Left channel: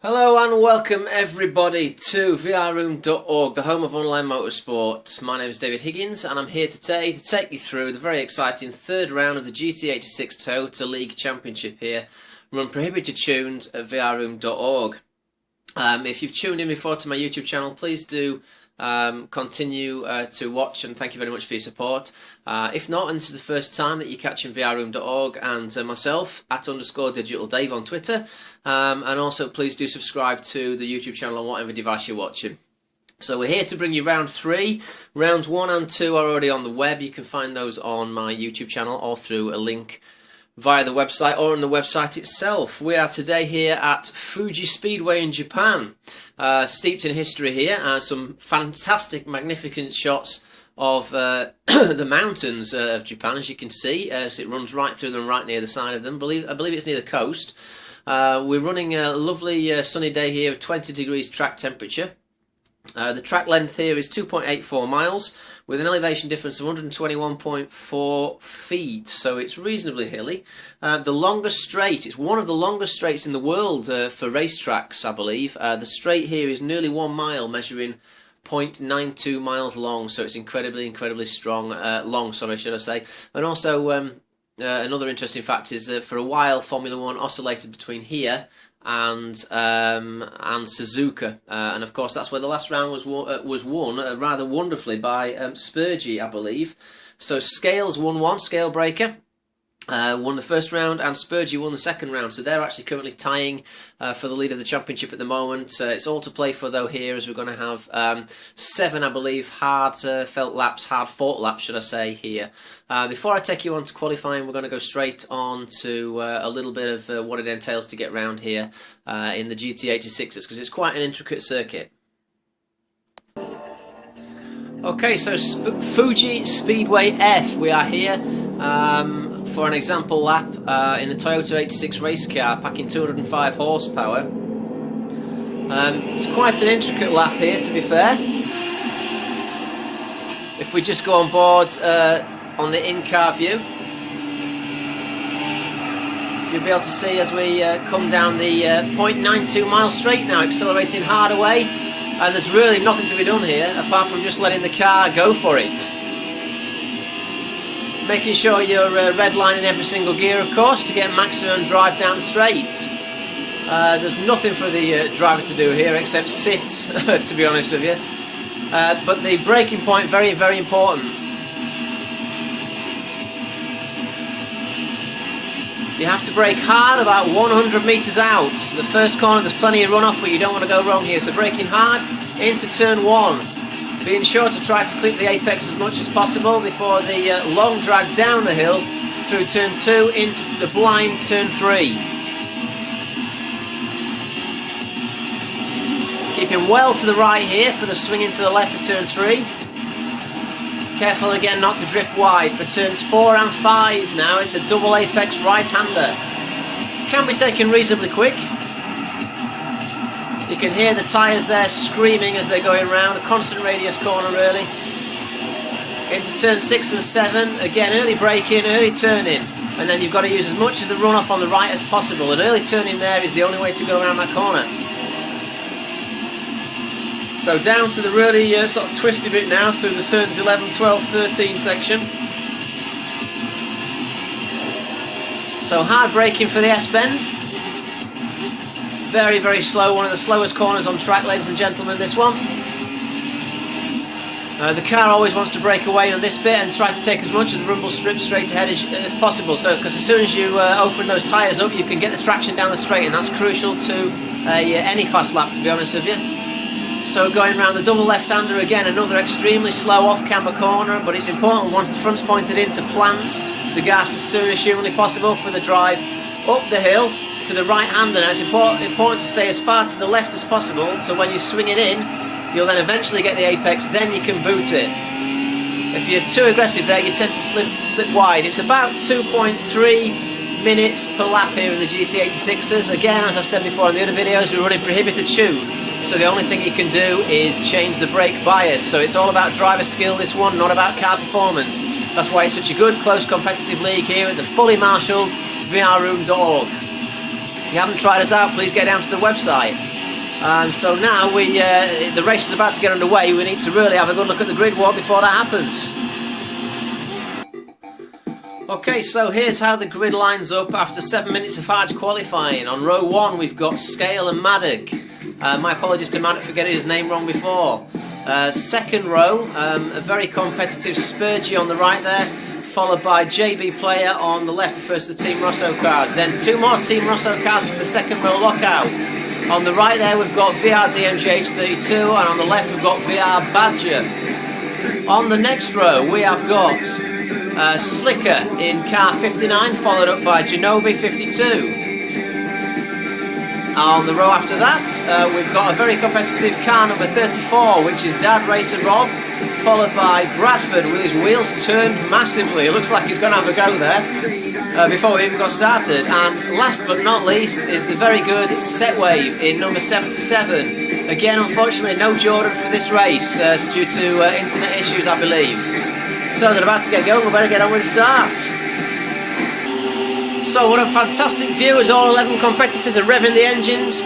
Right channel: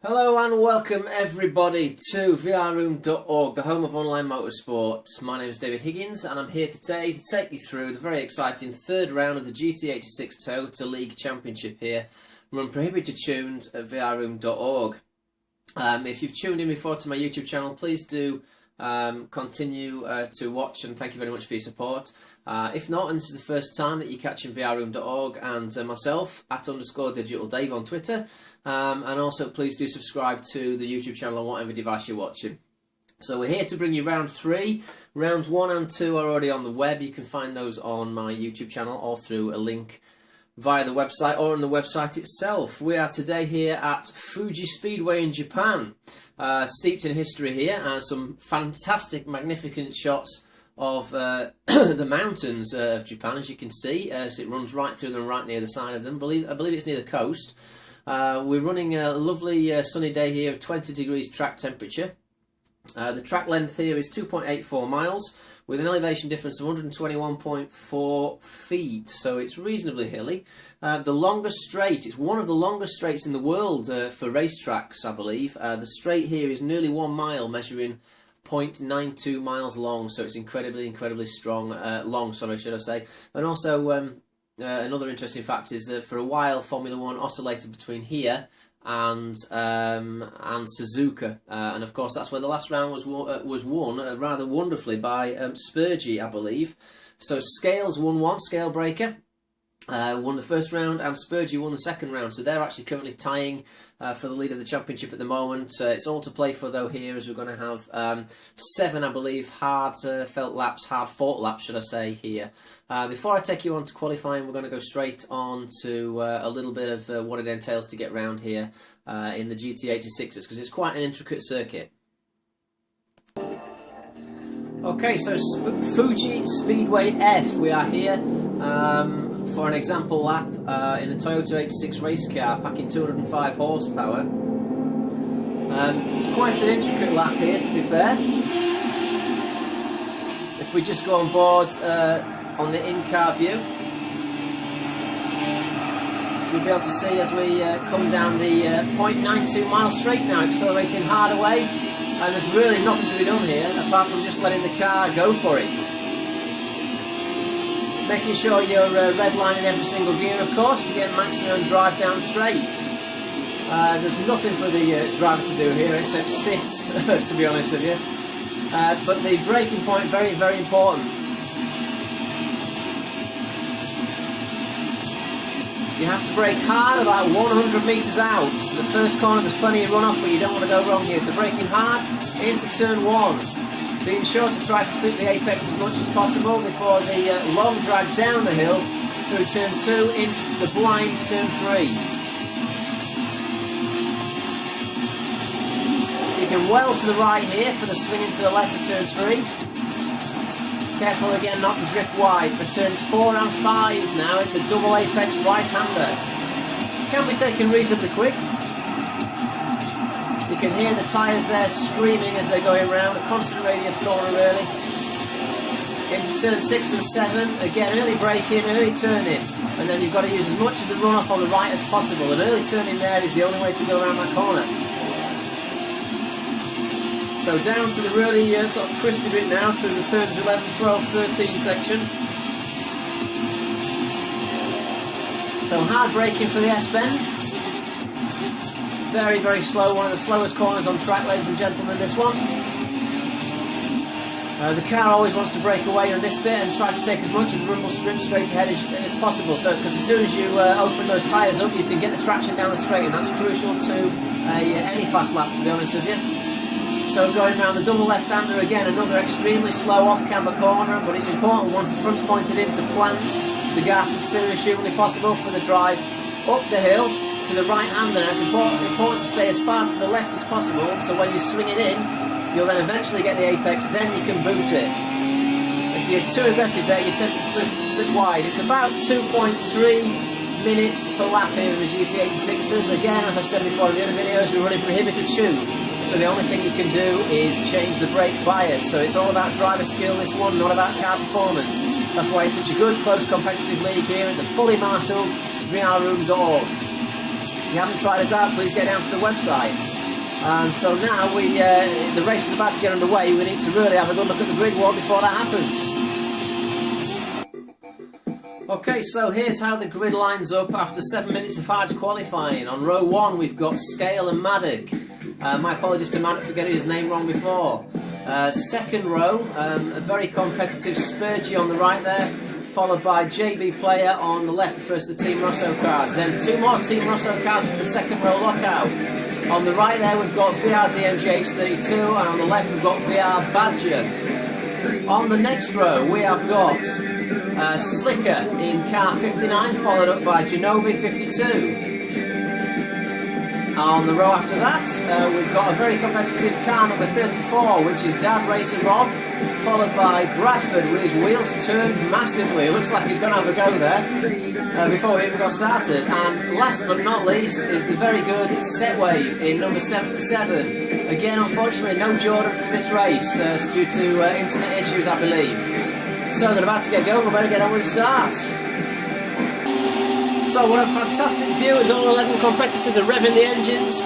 Hello and welcome everybody to vrroom.org, the home of online motorsport. My name is David Higgins and I'm here today to take you through the very exciting third round of the GT86 Toyota League Championship here, run prohibited tunes at vrroom.org. If you've tuned in before to my YouTube channel, please do continue to watch, and thank you very much for your support. If not, and this is the first time that you're catching vrroom.org and myself at _digitaldave on Twitter, and also please do subscribe to the YouTube channel on whatever device you're watching. So we're here to bring you round 3. Rounds 1 and 2 are already on the web. You can find those on my YouTube channel or through a link via the website or on the website itself. We are today here at Fugi Speedway in Japan, steeped in history here, and some fantastic, magnificent shots of the mountains of Japan, as you can see, as it runs right through them, right near the side of them. I believe it's near the coast. We're running a lovely sunny day here of 20 degrees track temperature. The track length here is 2.84 miles with an elevation difference of 121.4 feet, so it's reasonably hilly. The longest straight, it's one of the longest straights in the world for racetracks, I believe. The straight here is nearly 1 mile, measuring 0.92 miles long, so it's incredibly long, should I say. And also another interesting fact is that for a while Formula 1 oscillated between here and Suzuka, and of course that's where the last round was won rather wonderfully by Spurgey, I believe. So Scales won one, Scale Breaker won the first round, and Spurgey won the second round, so they're actually currently tying for the lead of the championship at the moment. It's all to play for though here, as we're going to have 7, I believe, hard fought laps should I say, here. Before I take you on to qualifying, we're going to go straight on to a little bit of what it entails to get round here in the GT86s, because it's quite an intricate circuit. Okay, so Fugi Speedway F, we are here for an example lap in the Toyota 86 race car, packing 205 horsepower. It's quite an intricate lap here, to be fair. If we just go on board on the in-car view, you'll be able to see as we come down the 0.92 mile straight now, accelerating hard away, and there's really nothing to be done here apart from just letting the car go for it. Making sure you're redlining every single gear, of course, to get maximum drive down straight. There's nothing for the driver to do here except sit, to be honest with you. But the braking point, very important. You have to brake hard about 100 metres out. The first corner, there's plenty of runoff, but you don't want to go wrong here. So braking hard into turn 1. Being sure to try to clip the apex as much as possible before the long drag down the hill through turn 2 into the blind turn 3. Keeping well to the right here for the swing into the left for turn 3. Careful again not to drift wide for turns 4 and 5 now. It's a double apex right-hander. Can be taken reasonably quick. You can hear the tyres there screaming as they're going round, a constant radius corner really. Into turn 6 and 7, again early braking, early turning, and then you've got to use as much of the runoff on the right as possible, and early turning there is the only way to go around that corner. So down to the really sort of twisty bit now through the turns 11, 12, 13 section. So hard braking for the S-bend. Very slow, one of the slowest corners on track, ladies and gentlemen, this one. The car always wants to break away on this bit and try to take as much of the rumble strip straight ahead as possible, so because as soon as you open those tyres up, you can get the traction down the straight, and that's crucial to any fast lap, to be honest with you. So going around the double left-hander again, another extremely slow off-camber corner, but it's important once the front's pointed in to plant the gas as soon as humanly possible for the drive up the hill to the right-hander. Now it's important to stay as far to the left as possible, so when you swing it in, you'll then eventually get the apex, then you can boot it. If you're too aggressive there, you tend to slip wide. It's about 2.3 minutes per lap here in the GT86s. Again, as I've said before in the other videos, we're running prohibited tune, so the only thing you can do is change the brake bias. So it's all about driver skill, this one, not about car performance. That's why it's such a good, close, competitive league here at the fully marshalled vrroom.org. If you haven't tried us out, please get down to the website. So now the race is about to get underway. We need to really have a good look at the grid walk before that happens. Okay, so here's how the grid lines up after 7 minutes of hard qualifying. On row 1 we've got Scale and Maddock. My apologies to Maddock for getting his name wrong before. Second row, a very competitive Spurgy on the right there, followed by JB Player on the left, the first of the Team Rosso cars. Then 2 more Team Rosso cars for the second row lockout. On the right there we've got VR GT6 and on the left we've got VR Badger. On the next row we have got Slicker in car 59, followed up by Genobi 52. On the row after that, we've got a very competitive car number 34, which is Dad Racer Rob, followed by Bradford with his wheels turned massively. It looks like he's going to have a go there before we even got started. And last but not least is the very good Setwave in number 77. Again, unfortunately, no Jordan for this race due to internet issues, I believe. So they're about to get going, we better get on with the start. So what a fantastic view as all 11 competitors are revving the engines,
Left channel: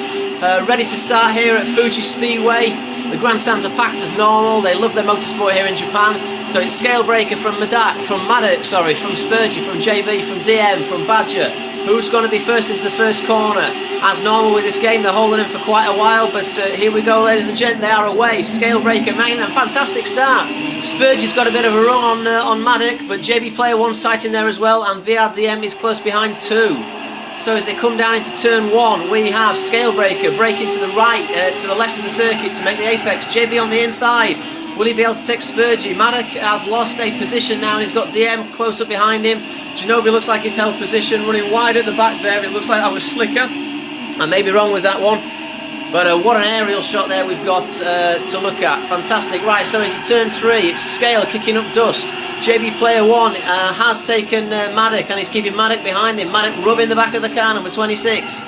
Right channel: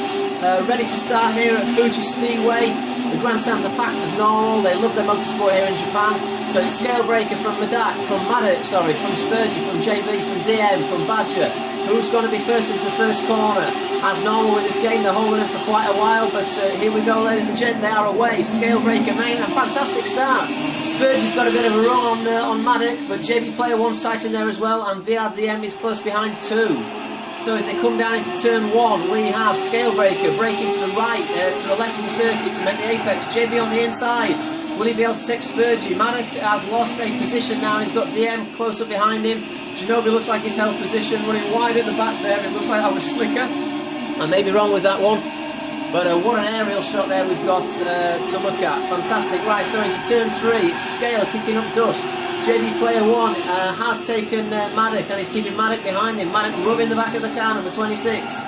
ready to start here at Fugi Speedway. The grandstands are packed as normal, they love their motorsport here in Japan. So it's Scalebreaker from Maddock, from Spurgy, from JB, from DM, from Badger. Who's going to be first into the first corner? As normal with this game, they're holding him for quite a while, but here we go, ladies and gents, they are away. Scalebreaker making a fantastic start. Spurgy's got a bit of a run on Maddock, but JB Player 1's tight in there as well, and VRDM is close behind too. So as they come down into turn 1, we have Scalebreaker braking to the right, to the left of the circuit to make the apex. JB on the inside. Will he be able to take Spurgy? Maddock has lost a position now and he's got DM close up behind him. Genobi looks like he's held position, running wide at the back there. It looks like that was Slicker. I may be wrong with that one. But what an aerial shot there we've got to look at. Fantastic. Right, so into turn 3, it's Scale kicking up dust. JB Player 1 has taken Maddock and he's keeping Maddock behind him. Maddock rubbing the back of the car, number 26.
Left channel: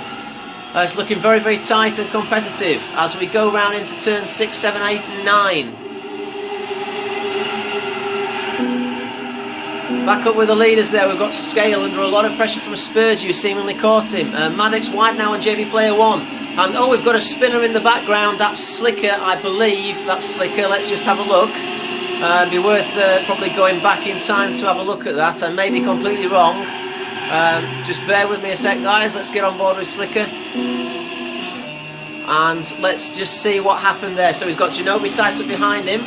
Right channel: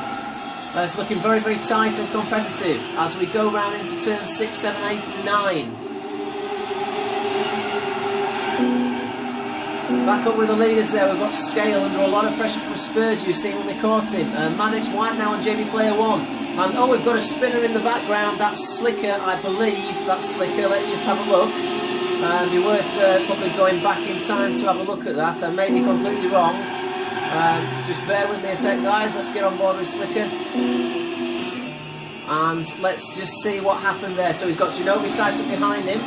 It's looking very, very tight and competitive as we go round into turn 6, 7, 8 and 9. Back up with the leaders there, we've got Scale under a lot of pressure from Spurgy, who seemingly caught him. Maddock's wide now on JB Player 1. And oh, we've got a spinner in the background, that's Slicker, I believe. That's Slicker, let's just have a look. It'd be worth probably going back in time to have a look at that. I may be completely wrong. Just bear with me a sec, guys, let's get on board with Slicker. And let's just see what happened there. So he's got Genobi tied up behind him.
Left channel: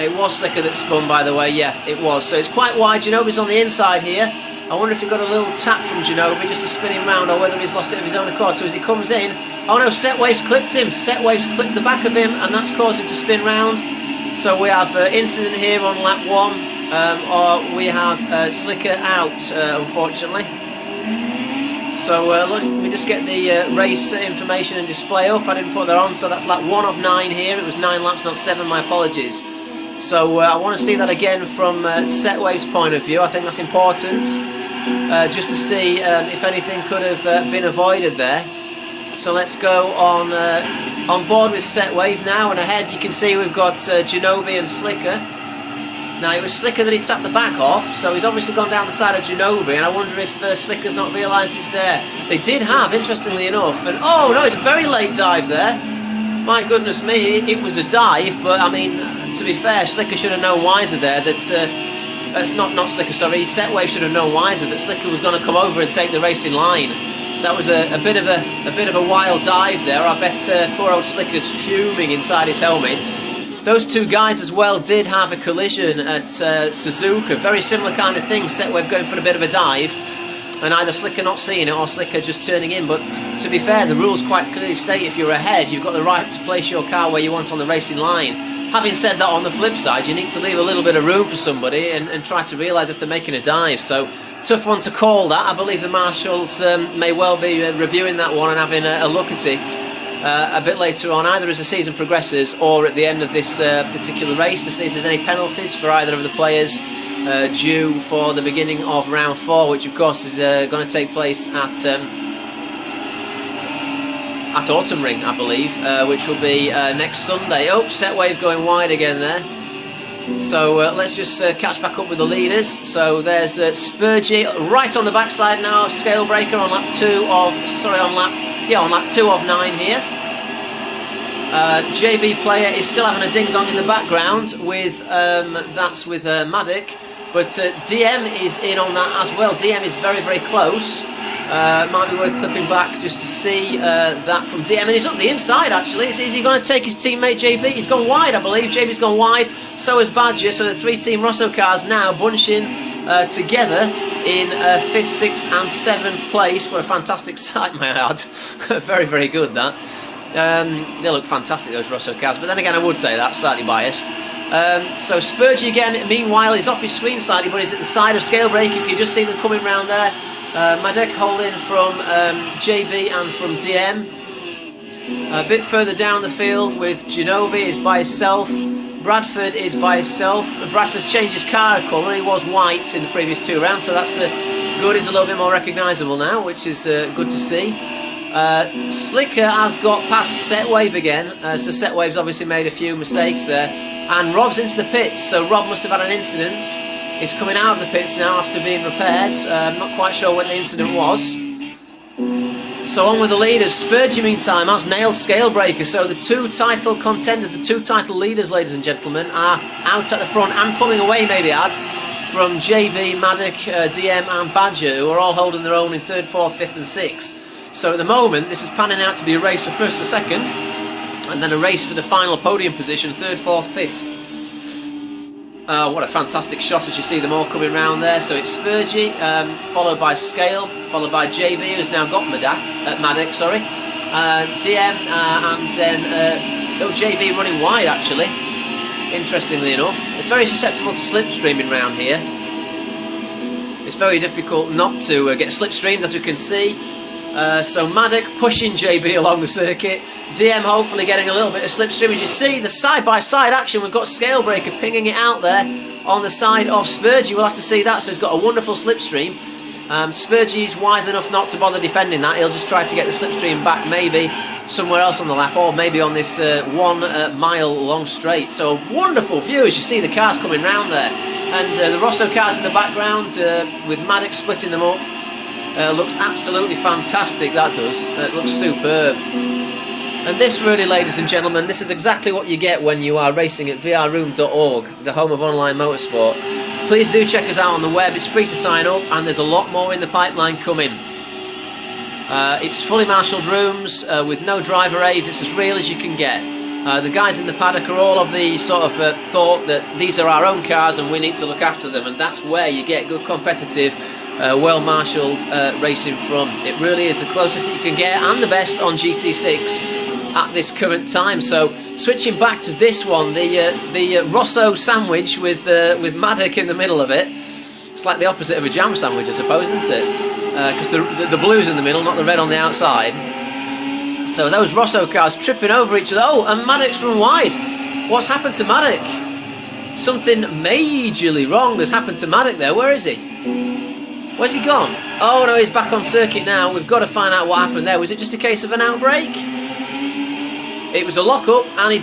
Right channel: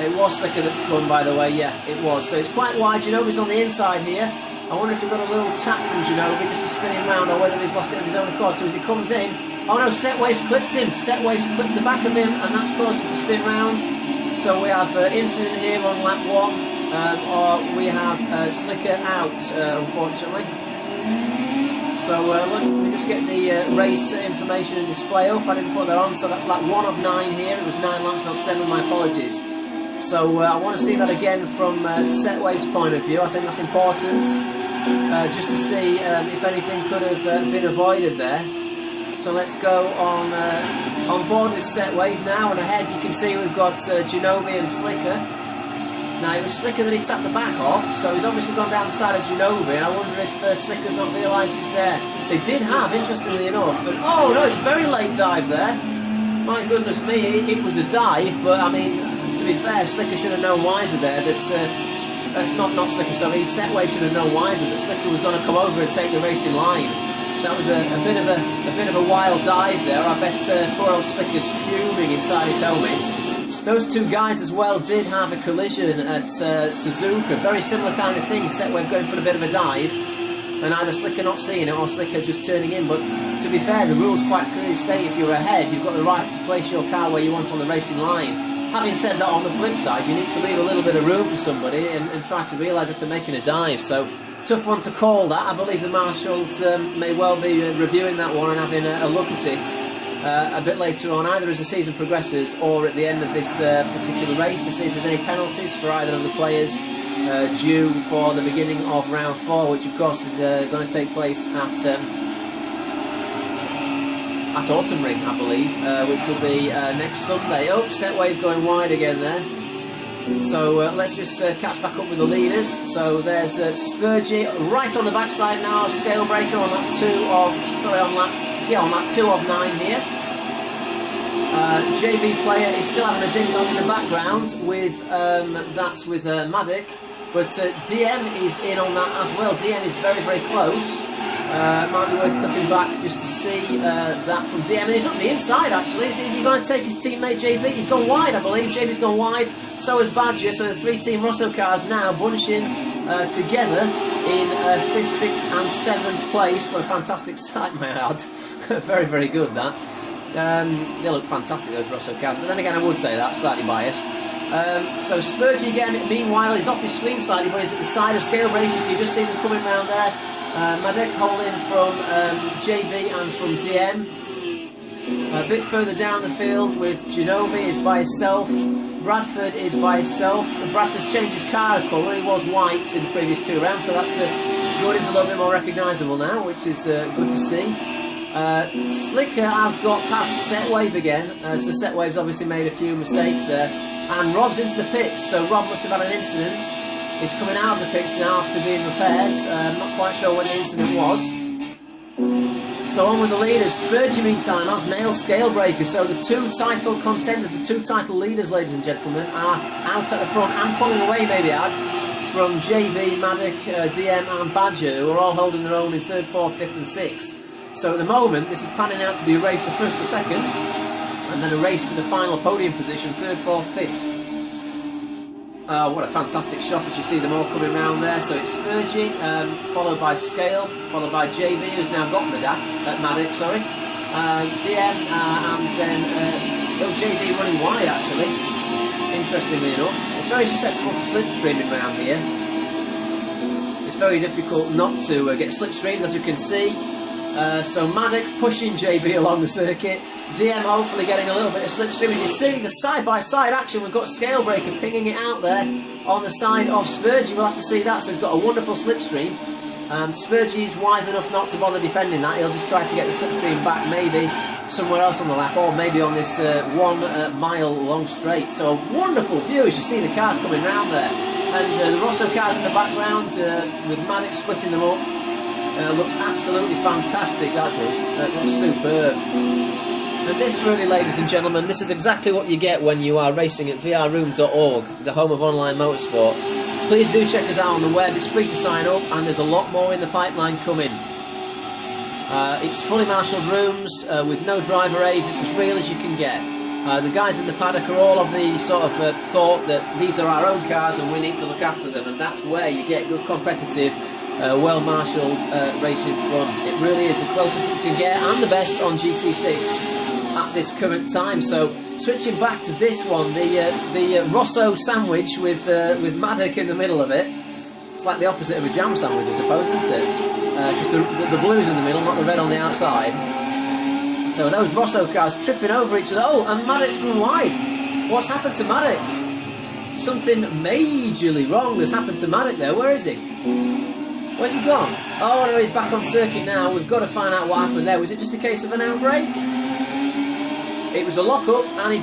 It was Slicker that spun, by the way, yeah, it was. So it's quite wide, Genobi's on the inside here. I wonder if he got a little tap from Genobi just to spin him round, or whether he's lost it of his own accord. So as he comes in, oh no, Setwave's clipped him. Setwave's clipped the back of him, and that's caused him to spin round. So we have incident here on lap 1, or we have Slicker out, unfortunately. So let me just get the race information and display up. I didn't put that on, so that's lap 1 of 9 here. It was 9 laps, not 7, my apologies. So I want to see that again from Setwave's point of view. I think that's important, just to see if anything could have been avoided there. So let's go on board with Setwave now, and ahead you can see we've got Genobi and Slicker. Now it was Slicker that he tapped the back off, so he's obviously gone down the side of Genobi, and I wonder if Slicker's not realised he's there. They did have, interestingly enough, and oh no, it's a very late dive there. My goodness me, it was a dive, but I mean, to be fair, Slicker should have known wiser there that, not Slicker, sorry, Setwave should have known wiser that Slicker was going to come over and take the racing line. That was a bit of a wild dive there. I bet poor old Slicker's fuming inside his helmet. Those two guys as well did have a collision at Suzuka, very similar kind of thing, Setwave going for a bit of a dive, and either Slicker not seeing it or Slicker just turning in. But to be fair, the rules quite clearly state if you're ahead, you've got the right to place your car where you want on the racing line. Having said that, on the flip side, you need to leave a little bit of room for somebody and try to realise if they're making a dive. So, tough one to call that. I believe the marshals may well be reviewing that one and having a look at it a bit later on, either as the season progresses or at the end of this particular race, to see if there's any penalties for either of the players due for the beginning of round 4, which of course is going to take place at Autumn Ring, I believe, which will be next Sunday. Oh, Setwave going wide again there. So let's just catch back up with the leaders. So there's Spurgy right on the backside now of Scalebreaker on lap 2 of, on lap 2 of 9 here. JB Player is still having a ding-dong in the background with, that's with Maddock, but DM is in on that as well. DM is very, very close. Might be worth clipping back just to see that from DM, and he's up the inside actually. Is he going to take his teammate JB? He's gone wide, I believe. JB's gone wide, so has Badger, so the 3 Team Rosso cars now bunching together in 5th, 6th and 7th place. What a fantastic sight, may I add. Very, very good that. They look fantastic, those Rosso cars, but then again I would say that, slightly biased. So Spurgy again, meanwhile, is off his screen slightly, but he's at the side of Scalebreaker. You can just see them coming round there. Maddock holding from JB and from DM. A bit further down the field with Genovi is by himself. Bradford is by himself. Bradford's changed his car colour. He was white in the previous 2 rounds, so that's good. He's a little bit more recognisable now, which is good to see. Slicker has got past Setwave again, so Setwave's obviously made a few mistakes there. And Rob's into the pits, so Rob must have had an incident. He's coming out of the pits now after being repaired. I'm not quite sure when the incident was. So on with the leaders. Spurgy, meantime, has nailed Scalebreaker. So the 2 title contenders, the 2 title leaders, ladies and gentlemen, are out at the front and pulling away, maybe add, from JB, Maddock, DM and Badger, who are all holding their own in 3rd, 4th, 5th and 6th. So at the moment, this is panning out to be a race for 1st or 2nd, and then a race for the final podium position, 3rd, 4th, 5th. What a fantastic shot as you see them all coming round there. So it's Spurgy, followed by Scale, followed by JB, who's now got Maddock, sorry. DM, and then JB running wide actually, interestingly enough. It's very susceptible to slipstreaming round here. It's very difficult not to get slipstreamed, as we can see. So Maddock pushing JB along the circuit, DM hopefully getting a little bit of slipstream. As you see the side-by-side action, we've got Scalebreaker pinging it out there on the side of Spurgy. We'll have to see that, so he's got a wonderful slipstream. Spurgy's wide enough not to bother defending that. He'll just try to get the slipstream back maybe somewhere else on the lap, or maybe on this 1 mile long straight. So a wonderful view as you see the cars coming round there. And the Rosso cars in the background with Maddock splitting them up. Looks absolutely fantastic, that does. It looks superb. And this really, ladies and gentlemen, this is exactly what you get when you are racing at vrroom.org, the home of online motorsport. Please do check us out on the web. It's free to sign up, and there's a lot more in the pipeline coming. It's fully marshalled rooms with no driver aids. It's as real as you can get. The guys in the paddock are all of the sort of thought that these are our own cars and we need to look after them, and that's where you get good competitive well-marshalled racing from. It really is the closest that you can get, and the best on GT6 at this current time. So switching back to this one, the Rosso sandwich with Maddock in the middle of it. It's like the opposite of a jam sandwich, I suppose, isn't it? Because the blue's in the middle, not the red on the outside. So those Rosso cars tripping over each other. Oh, and Maddock's run wide. What's happened to Maddock? Something majorly wrong has happened to Maddock there. Where is he? Where's he gone? Oh no, he's back on circuit now. We've got to find out what happened there. Was it just a case of an outbreak? It was a lock-up, and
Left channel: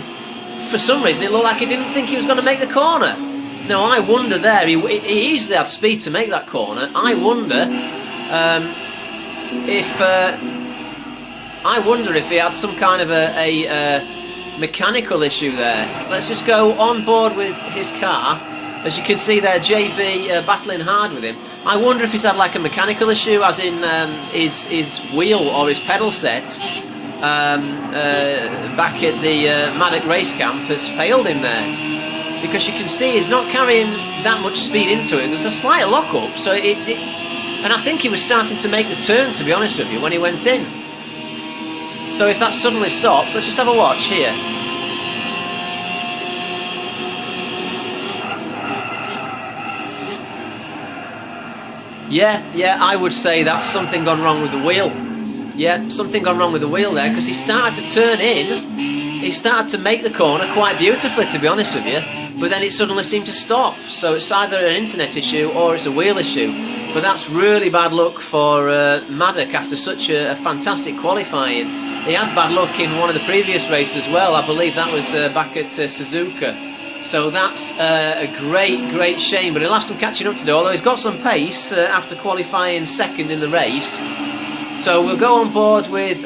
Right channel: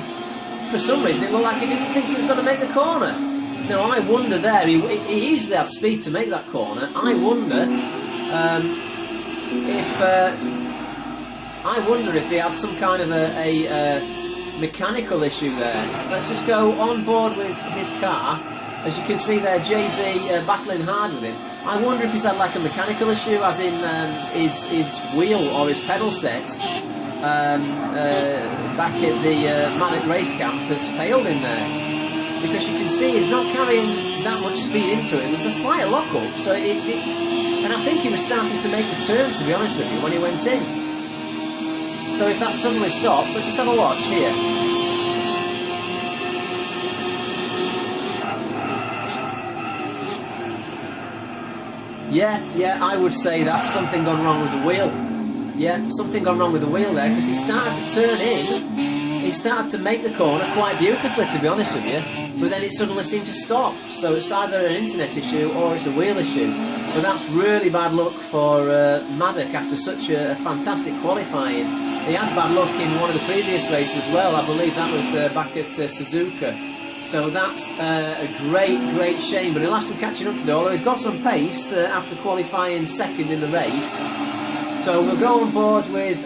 for some reason it looked like he didn't think he was going to make the corner. No, I wonder there. He easily had speed to make that corner. I wonder if he had some kind of a mechanical issue there. Let's just go on board with his car. As you can see there, JB battling hard with him. I wonder if he's had like a mechanical issue, as in his wheel or his pedal set back at the Maddock race camp has failed him there. Because you can see he's not carrying that much speed into it. There's a slight lock-up, so and I think he was starting to make the turn, to be honest with you, when he went in. So if that suddenly stops, let's just have a watch here. Yeah, I would say that's something gone wrong with the wheel. Yeah, something gone wrong with the wheel there, because he started to turn in. He started to make the corner quite beautifully, to be honest with you, but then it suddenly seemed to stop. So it's either an internet issue or it's a wheel issue. But that's really bad luck for Maddock after such a fantastic qualifying. He had bad luck in one of the previous races as well. I believe that was back at Suzuka. So that's a great shame, but he'll have some catching up to do, although he's got some pace after qualifying second in the race. So we'll go on board with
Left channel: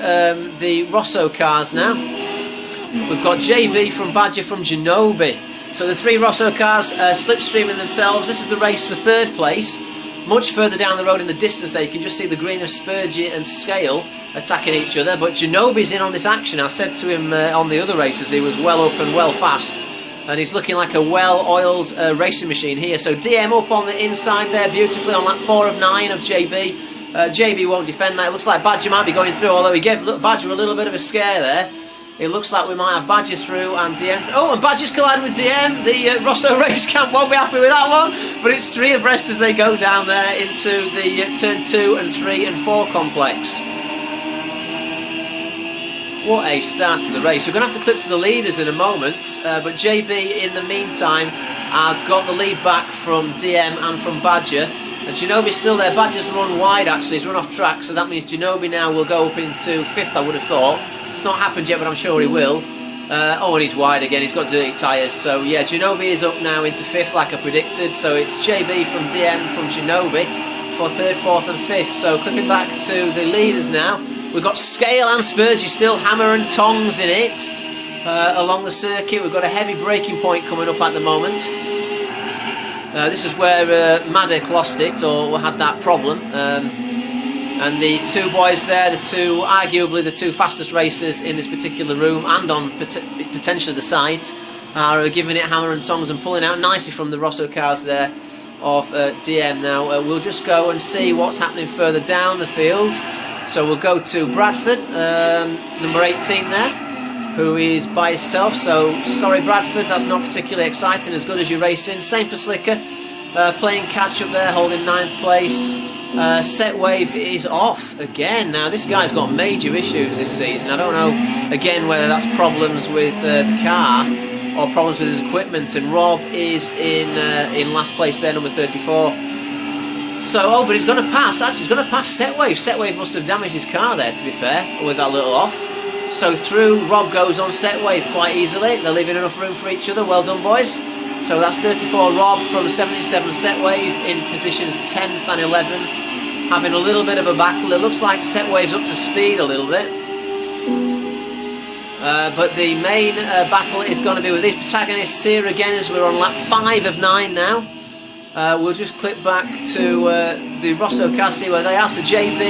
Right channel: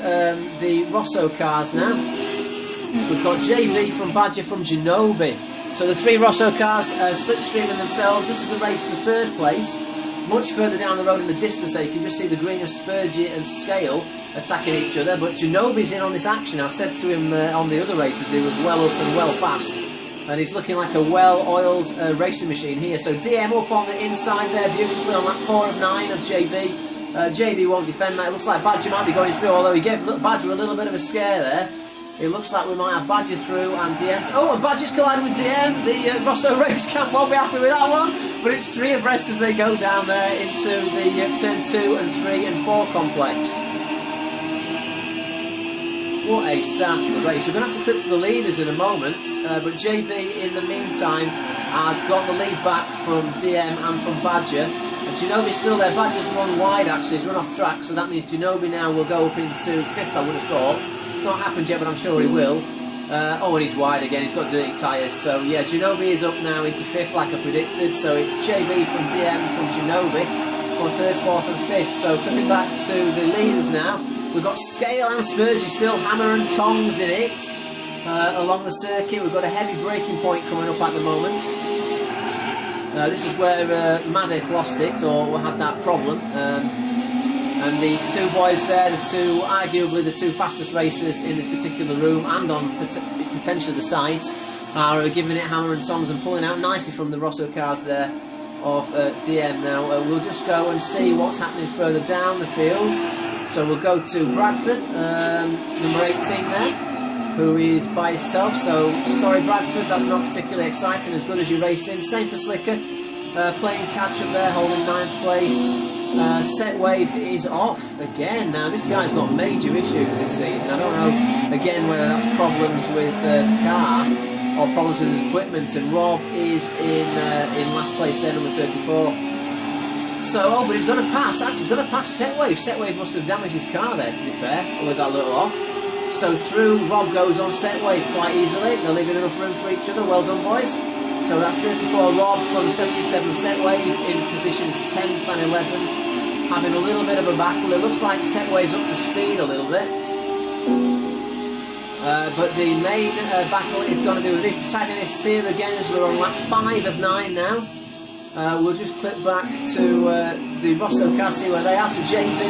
the Rosso cars now. We've got JB from Badger from Genobi. So the three Rosso cars slipstreaming themselves. This is the race for third place. Much further down the road in the distance there, you can just see the green of Spurgey and Scale attacking each other. But Genobi's in on this action. I said to him on the other races he was well up and well fast. And he's looking like a well-oiled racing machine here. So DM up on the inside there beautifully on lap 4 of 9 of JB. JB won't defend that. It looks like Badger might be going through, although he gave Badger a little bit of a scare there. It looks like we might have Badger through and DM. Oh, and Badger's collided with DM. The Rosso race camp won't be happy with that one. But it's 3 abreast as they go down there into the turn 2 and 3 and 4 complex. What a start to the race. We're going to have to clip to the leaders in a moment. But JB, in the meantime, has got the lead back from DM and from Badger. And Genobi's still there. Badger's run wide, actually. He's run off track. So that means Genobi now will go up into 5th, I would have thought. It's not happened yet, but I'm sure he will. Oh, and he's wide again. He's got dirty tyres. So, yeah, Genobi is up now into 5th, like I predicted. So it's JB from DM from Genobi for 3rd, 4th and 5th. So clipping back to the leaders now. We've got Scale and Spurgey still hammer and tongs in it along the circuit. We've got a heavy braking point coming up at the moment. This is where Maddock lost it, or had that problem. And the two boys there, arguably the two fastest racers in this particular room and on potentially the sides, are giving it hammer and tongs and pulling out nicely from the Rosso cars there of DM. Now we'll just go and see what's happening further down the field. So we'll go to Bradford, number 18 there, who is by himself. So sorry Bradford, that's not particularly exciting, as good as you're racing. Same for Slicker, playing catch up there, holding 9th place. Set Wave is off again. Now this guy's got major issues this season. I don't know again whether that's problems with the car or problems with his equipment. And Rob is in last place there, number 34. So, oh, but he's going to pass. Actually, he's going to pass Set Wave. Set Wave must have damaged his car there, to be fair, with that little off. So through, Rob goes on Set Wave quite easily. They're leaving enough room for each other. Well done, boys. So that's 34 Rob from 77 Set Wave in positions 10th and 11th. Having a little bit of a battle. It looks like Set Wave's up to speed a little bit. But the main battle is going to be with these protagonists here again, as we're on lap 5 of 9 now. We'll just clip back to the Rosso car, see where they are. So JB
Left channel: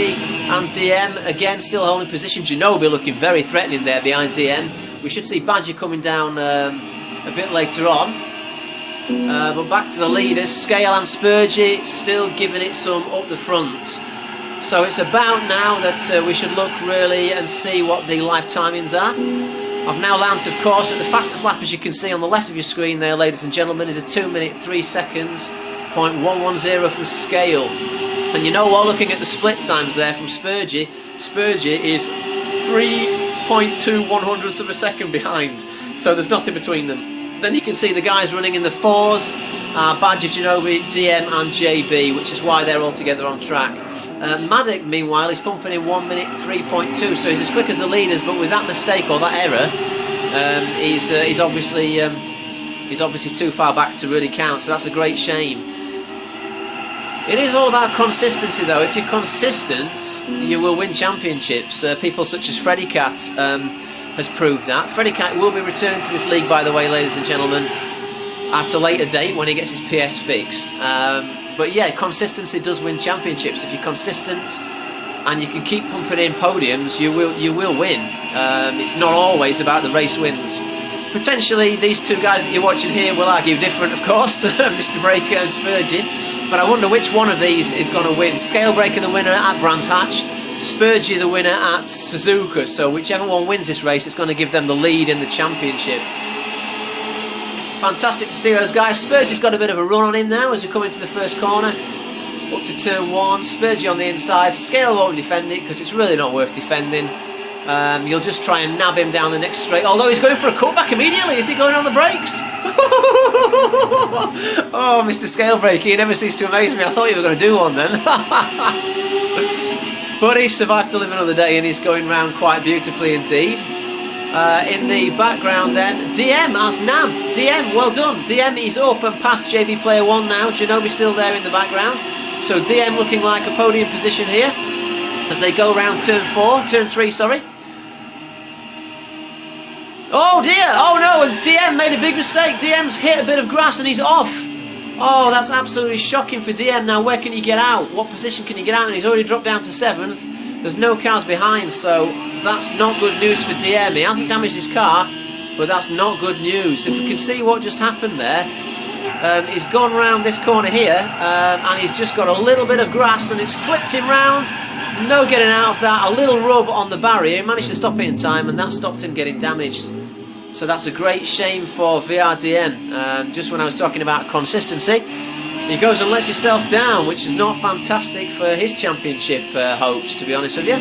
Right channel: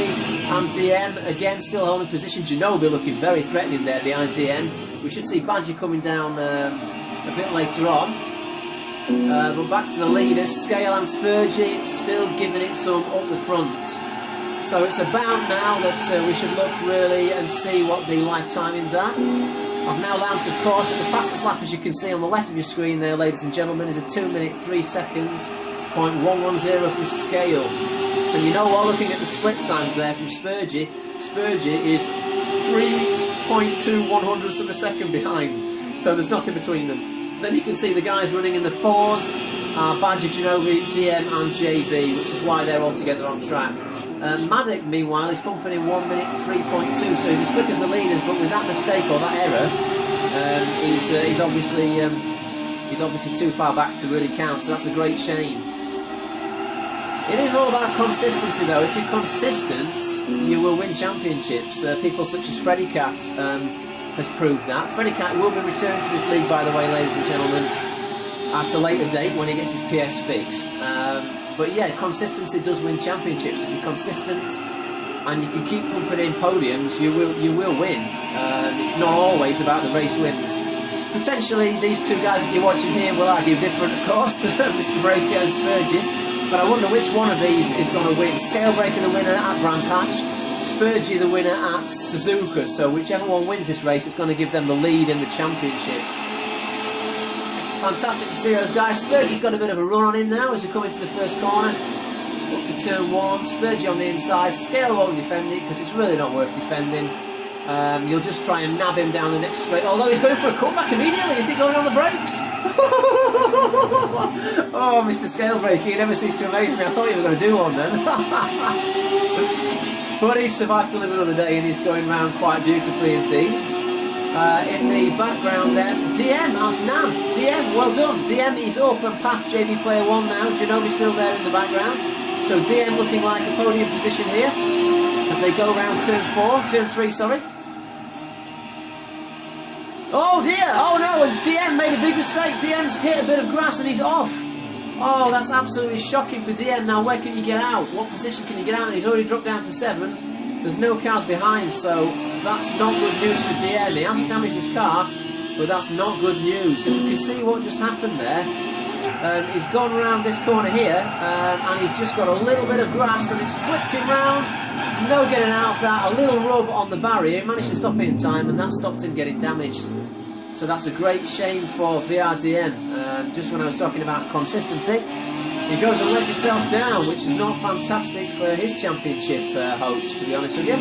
and DM again still holding position. Genobi looking very threatening there behind DM. We should see Badger coming down a bit later on. But back to the leaders, Scale and Spurgey still giving it some up the front. So it's about now that we should look really and see what the live timings are. I've now landed, of course, at the fastest lap, as you can see on the left of your screen there, ladies and gentlemen, is a 2 minute 3 seconds, 0.110 from Scale. And you know what, looking at the split times there from Spurgey, Spurgey is 3.2 100ths of a second behind. So there's nothing between them. Then you can see the guys running in the 4s, Badger, Genobi, DM and JB, which is why they're all together on track. Maddock, meanwhile, is pumping in 1 minute 3.2, so he's as quick as the leaders, but with that mistake or that error, he's obviously too far back to really count. So that's a great shame. It is all about consistency, though. If you're consistent, you will win championships. People such as Freddy Cat has proved that. Freddy Cat will be returning to this league, by the way, ladies and gentlemen, at a later date when he gets his PS fixed. But yeah, consistency does win championships. If you're consistent and you can keep pumping in podiums, you will win. It's not always about the race wins. Potentially, these two guys that you're watching here will argue different, of course, Mr. Breaker and Spurgey. But I wonder which one of these is going to win. Scale Breaker the winner at Brands Hatch, Spurgey the winner at Suzuka. So whichever one wins this race, it's going to give them the lead in the championship. Fantastic to see those guys. Spurgey's got a bit of a run on him now as we come into the first corner. Up to turn 1, Spurgey on the inside. Scale won't defend it because it's really not worth defending. You'll just try and nab him down the next straight. Although he's going for a cutback immediately. Is he going on the brakes? Oh, Mr. Scale Breaker, he never ceases to amaze me. I thought you were going to do one then. But he survived to live another day and he's going round quite beautifully indeed. In the background then, DM has nabbed. DM, well done. DM is up and past JB Player 1 now. Ginobili still there in the background. So DM looking like a podium position here as they go round turn 3, sorry. Oh dear, oh no, and DM made a big mistake. DM's hit a bit of grass and he's off. Oh, that's absolutely shocking for DM. Now where can he get out? What position can he get out? And he's already dropped down to 7th. There's no cars behind, so that's not good news for DM. He hasn't damaged his car, but that's not good news. If we can see what just happened there, he's gone around this corner here, and he's just got a little bit of grass, and it's flipped him round. No getting out of that. A little rub on the barrier. He managed to stop it in time, and that stopped him getting damaged. So that's a great shame for VRDN. Just when I was talking about consistency, he goes and lets himself down, which is not fantastic for his championship hopes, to be honest with you.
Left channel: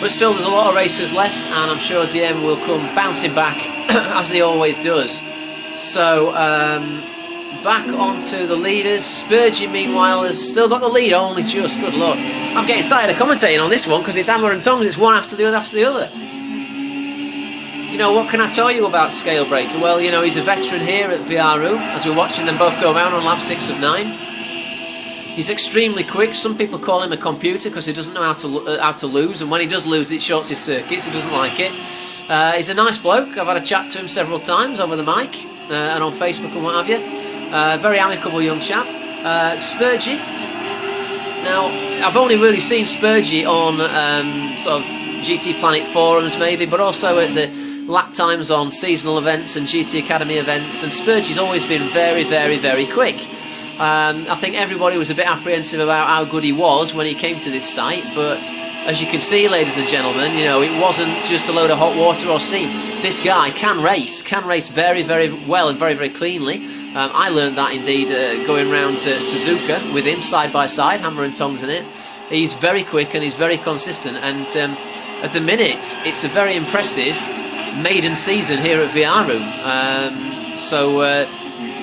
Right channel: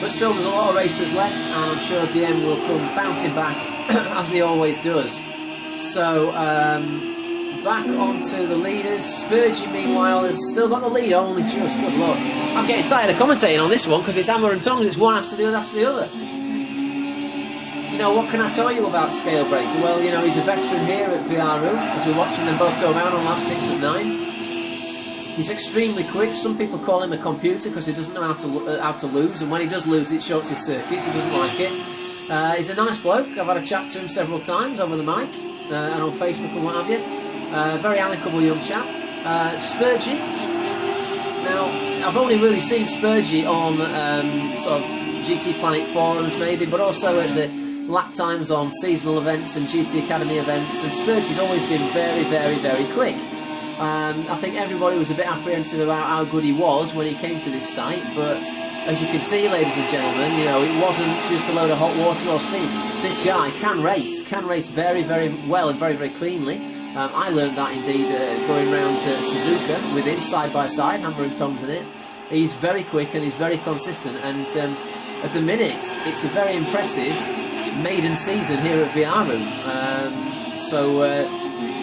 But still, there's a lot of races left, and I'm sure DM will come bouncing back, as he always does. So, back onto the leaders. Spurgy, meanwhile, has still got the lead, only just. Good luck. I'm getting tired of commentating on this one, because it's hammer and tongs, it's one after the other. You know, what can I tell you about Scalebreaker? Well, you know, he's a veteran here at VRU, as we're watching them both go around on lap 6 of 9. He's extremely quick. Some people call him a computer because he doesn't know how to lose, and when he does lose, it shorts his circuits. He doesn't like it. He's a nice bloke. I've had a chat to him several times over the mic and on Facebook and what have you. Very amicable young chap. Spurgy. Now, I've only really seen Spurgy on sort of GT Planet forums maybe, but also at the lap times on seasonal events and GT Academy events, and Spurgy's always been very, very, very quick. I think everybody was a bit apprehensive about how good he was when he came to this site, but as you can see, ladies and gentlemen, you know, it wasn't just a load of hot water or steam. This guy can race very, very well and very, very cleanly. I learned that indeed going round Suzuka with him side by side, hammer and tongs in it. He's very quick and he's very consistent, and at the minute it's a very impressive maiden season here at VRU.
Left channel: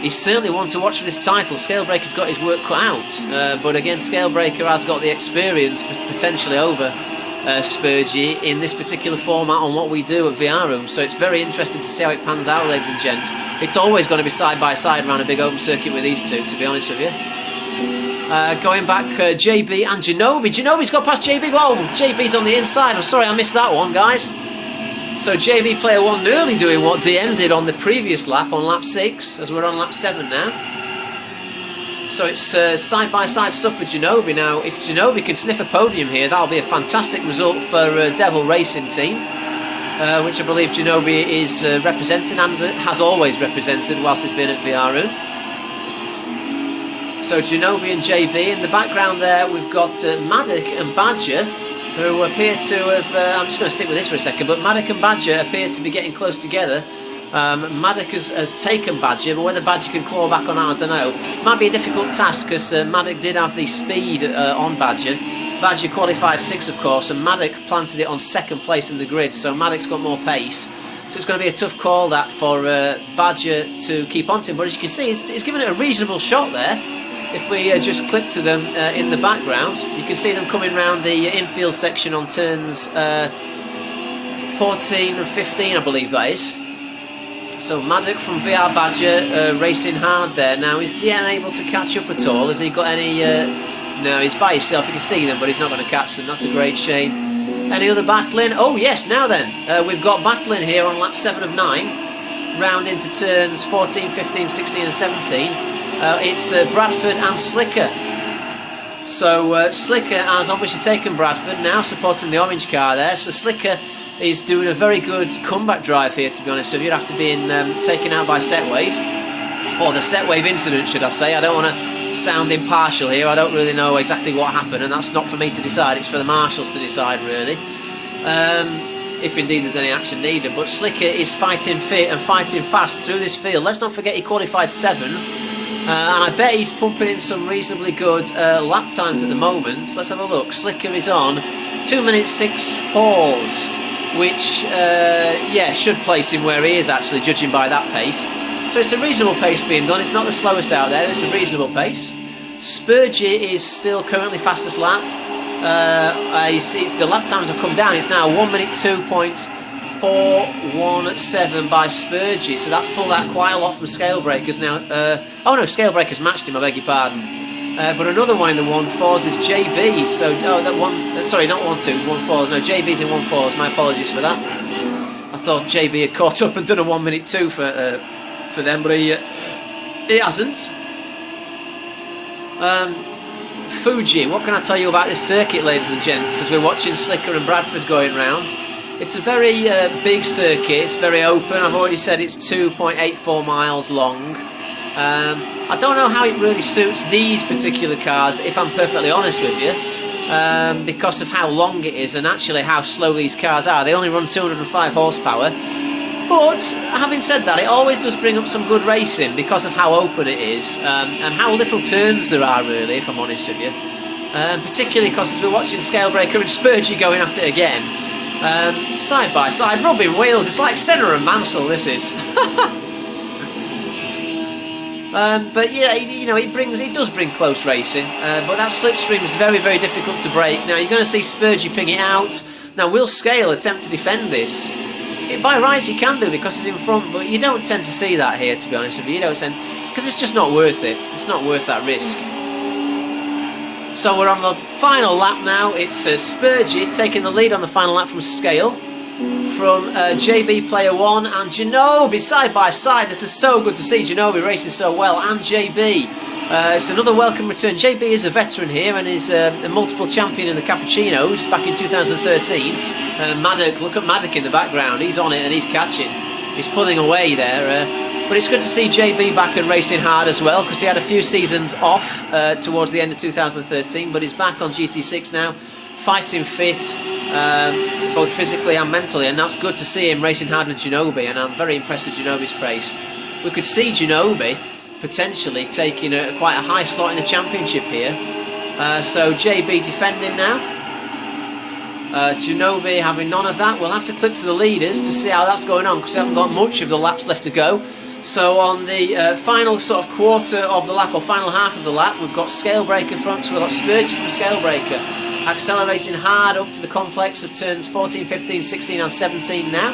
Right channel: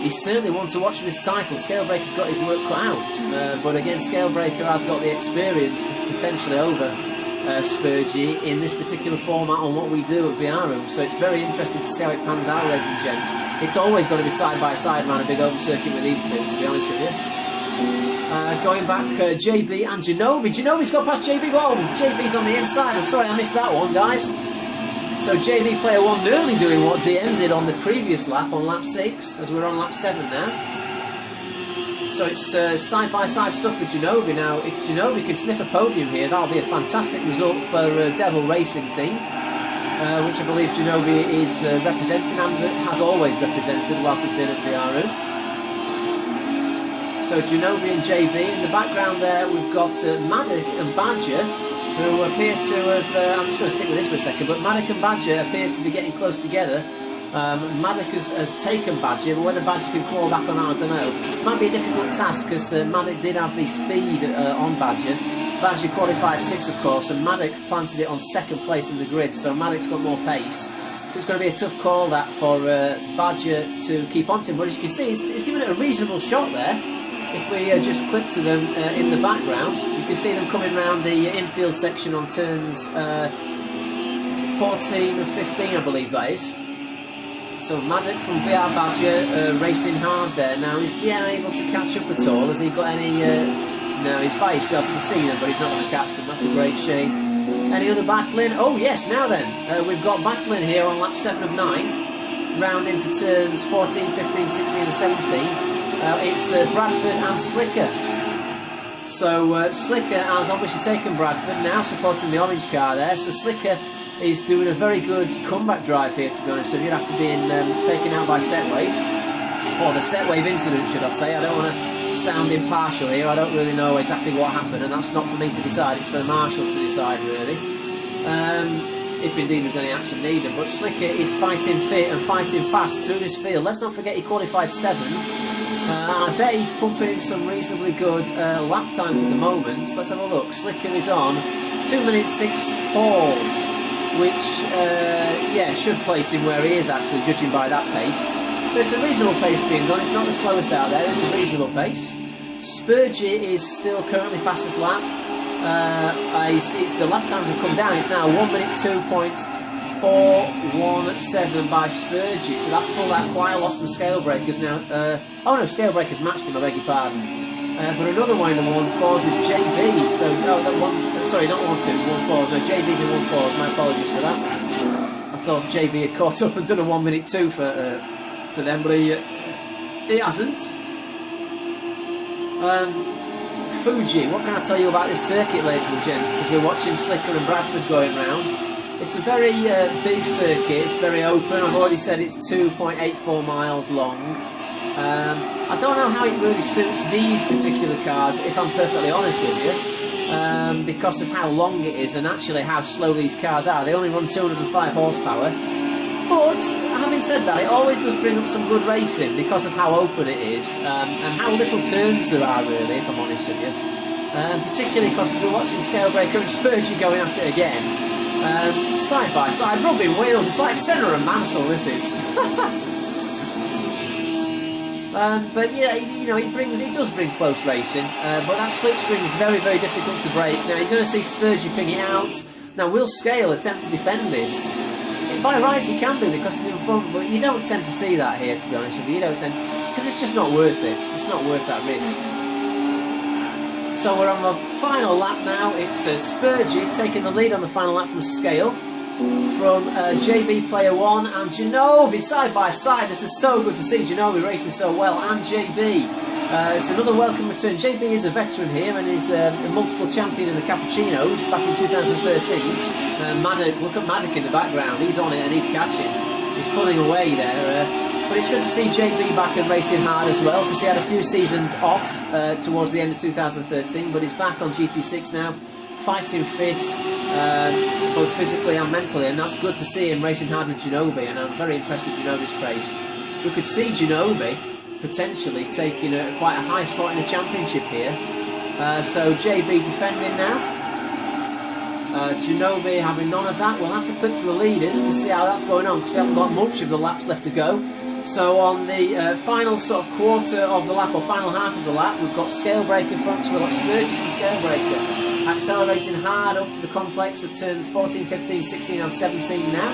He's certainly one to watch for this title. Scalebreaker's got his work cut out, but again, Scalebreaker has got the experience potentially over Spurgy in this particular format on what we do at VRU, so it's very interesting to see how it pans out, ladies and gents. It's always going to be side by side around a big open circuit with these two, to be honest with you. Going back, JB and Ginobili. Ginobili's got past JB. Whoa, JB's on the inside. I'm sorry I missed that one, guys. So JB Player 1 nearly doing what DM did on the previous lap, on lap 6, as we're on lap 7 now. So it's side-by-side stuff with Ginobili. Now, if Ginobili can sniff a podium here, that'll be a fantastic result for Devil Racing Team, which I believe Ginobili is representing and has always represented whilst he's been at VRU. So Ginobili and JB. In the background there, we've got Maddock and Badger, who appear to have, I'm just going to stick with this for a second, but Maddock and Badger appear to be getting close together. Maddock has taken Badger, but whether Badger can claw back on that, I don't know. Might be a difficult task, because Maddock did have the speed on Badger. Badger qualified 6, of course, and Maddock planted it on 2nd place in the grid, so Maddock's got more pace. So it's going to be a tough call, that, for Badger to keep on to him. But as you can see, he's given it a reasonable shot there. If we just click to them in the background, you can see them coming round the infield section on turns 14 and 15, I believe that is. So Maddock from VR Badger racing hard there. Now, is DM able to catch up at all? Has he got any... No, he's by himself, you can see them, but he's not going to catch them. That's a great shame. Any other battling? Oh yes, now then. We've got battling here on lap 7 of 9. Round into turns 14, 15, 16 and 17. It's Bradford and Slicker. So Slicker has obviously taken Bradford, now supporting the orange car there. So Slicker is doing a very good comeback drive here, to be honest with you, after being taken out by Setwave. Or the Setwave incident, should I say. I don't want to sound impartial here. I don't really know exactly what happened, and that's not for me to decide. It's for the marshals to decide, really. If indeed there's any action needed. But Slicker is fighting fit and fighting fast through this field. Let's not forget he qualified 7th. And I bet he's pumping in some reasonably good lap times at the moment. Let's have a look. Slicker is on 2 minutes 6 fours, which, yeah, should place him where he is, actually, judging by that pace. So it's a reasonable pace being done. It's not the slowest out there. It's a reasonable pace. Spurgy is still currently fastest lap. The lap times have come down. It's now 1 minute 2.5 4:17 by Spurgey, so that's pulled out quite a lot from Scalebreakers now. Oh no, Scalebreakers matched him, I beg your pardon. But another one in the 1.4s is JB, so, oh, that one, sorry, not 1.2, 1.4s, no, JB's in 1.4s, my apologies for that. I thought JB had caught up and done a 1:02 for them, but he hasn't. Fugi, what can I tell you about this circuit, ladies and gents, as we're watching Slicker and Bradford going round? It's a very big circuit, it's very open. I've already said it's 2.84 miles long. I don't know how it really suits these particular cars, if I'm perfectly honest with you, because of how long it is and actually how slow these cars are. They only run 205 horsepower. But, having said that, it always does bring up some good racing because of how open it is and how little turns there are, really, if I'm honest with you. Particularly because as we're watching Scalebreaker and Spurgey going at it again, side by side, rubbing wheels. It's like Senna and Mansell, this is. But yeah, you know, it does bring close racing, but that slipstream is very, very difficult to break. Now, you're going to see Spurgey ping it out. Now, will Scale attempt to defend this? By rights he can do because he's in front, but you don't tend to see that here, to be honest with you. You don't tend, because it's just not worth it. It's not worth that risk. So we're on the final lap now. It's Spurgey taking the lead on the final lap from Scale, from JB Player 1 and Ginobili side by side. This is so good to see Ginobili racing so well, and JB. It's another welcome return. JB is a veteran here and is a multiple champion in the Cappuccinos back in 2013. Maddock, look at Maddock in the background. He's on it and he's catching. He's pulling away there. But it's good to see JB back and racing hard as well, because he had a few seasons off towards the end of 2013, but he's back on GT6 now, fighting fit, both physically and mentally, and that's good to see him racing hard with Ginobili, and I'm very impressed with Ginobili's pace. We could see Ginobili potentially taking quite a high slot in the championship here. So JB defending now. Ginobili having none of that. We'll have to click to the leaders to see how that's going on, because we haven't got much of the laps left to go. So on the final sort of quarter of the lap, or final half of the lap, we've got Scalebreaker front, so we've got Spurgey from Scalebreaker accelerating hard up to the complex of turns 14, 15, 16 and 17 now.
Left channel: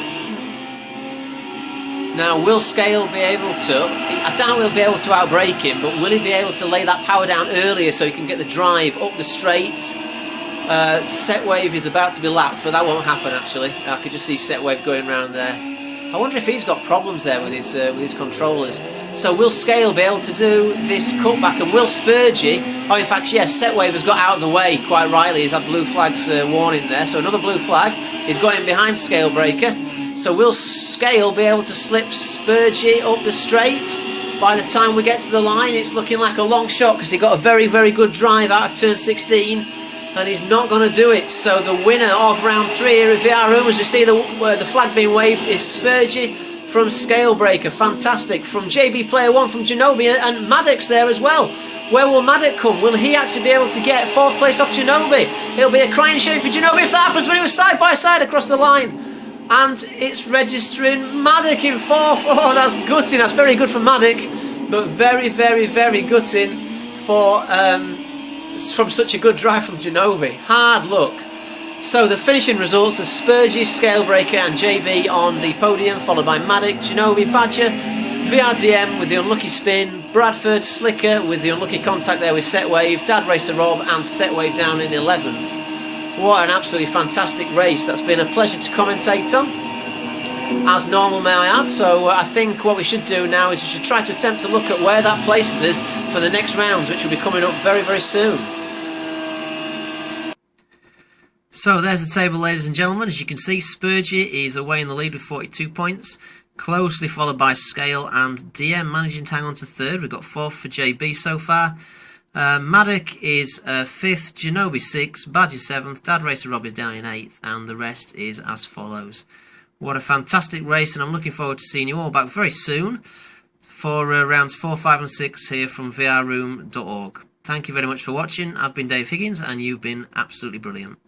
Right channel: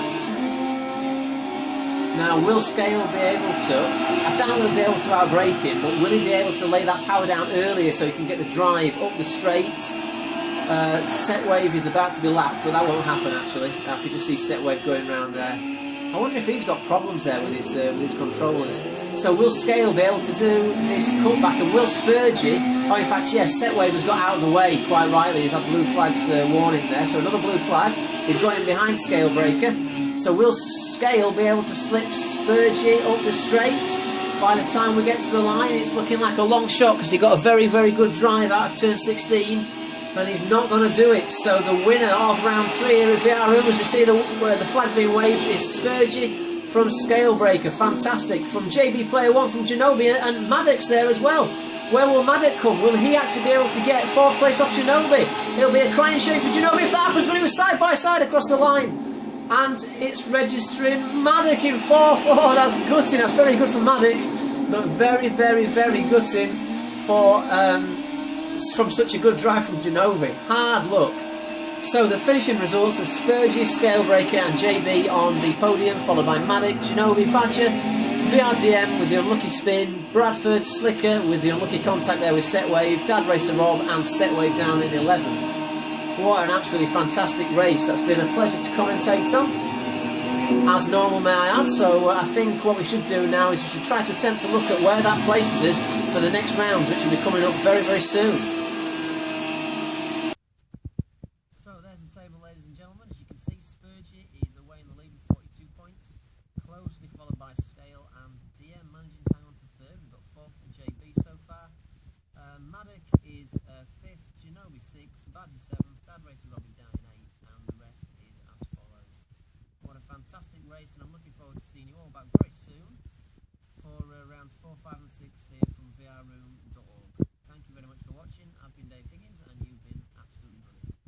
Now, will Scale be able to, I doubt he'll be able to outbrake him, but will he be able to lay that power down earlier so he can get the drive up the straight? Set Wave is about to be lapped, but that won't happen actually. I could just see Set Wave going round there. I wonder if he's got problems there with his controllers. So will Scale be able to do this cutback, and will Spurgey, oh in fact yes, Set Wave has got out of the way quite rightly. He's had blue flags warning there, so another blue flag is going behind Scalebreaker. So will Scale be able to slip Spurgey up the straight? By the time we get to the line, it's looking like a long shot, because he got a very, very good drive out of turn 16, and he's not going to do it. So the winner of round 3 here at VR Room, as we see the flag being waved, is Spurgey from Scalebreaker. Fantastic. From JB Player 1, from Ginobili, and Maddox there as well. Where will Maddox come? Will he actually be able to get 4th place off Ginobili? It'll be a crying shame for Ginobili if that happens, but it was side by side across the line. And it's registering Maddox in 4th. Oh, that's gutting. That's very good for Maddox, but very, very, very gutting for from such a good drive from Ginobili. Hard luck. So the finishing results are Spurgey, Scalebreaker and JB on the podium, followed by Maddox, Ginobili, Badger, VRDM with the unlucky spin, Bradford, Slicker with the unlucky contact there with Set Wave, Dad Racer Rob and Set Wave down in 11th. What an absolutely fantastic race. That's been a pleasure to commentate on, as normal may I add. So I think what we should do now is we should try to attempt to look at where that places us for the next rounds, which will be coming up very, very soon. So there's the table, ladies and gentlemen. As you can see, Spurgey is away in the lead with 42 points, closely followed by Scale and DM managing to hang on to 3rd. We've got 4th for JB so far. Maddox is 5th, Ginobili 6th, Badger 7th, Dad Racer Rob is down in 8th, and the rest is as follows. What a fantastic race, and I'm looking forward to seeing you all back very soon for rounds 4, 5 and 6 here from vrroom.org. Thank you very much for watching. I've been Dave Higgins, and you've been absolutely brilliant.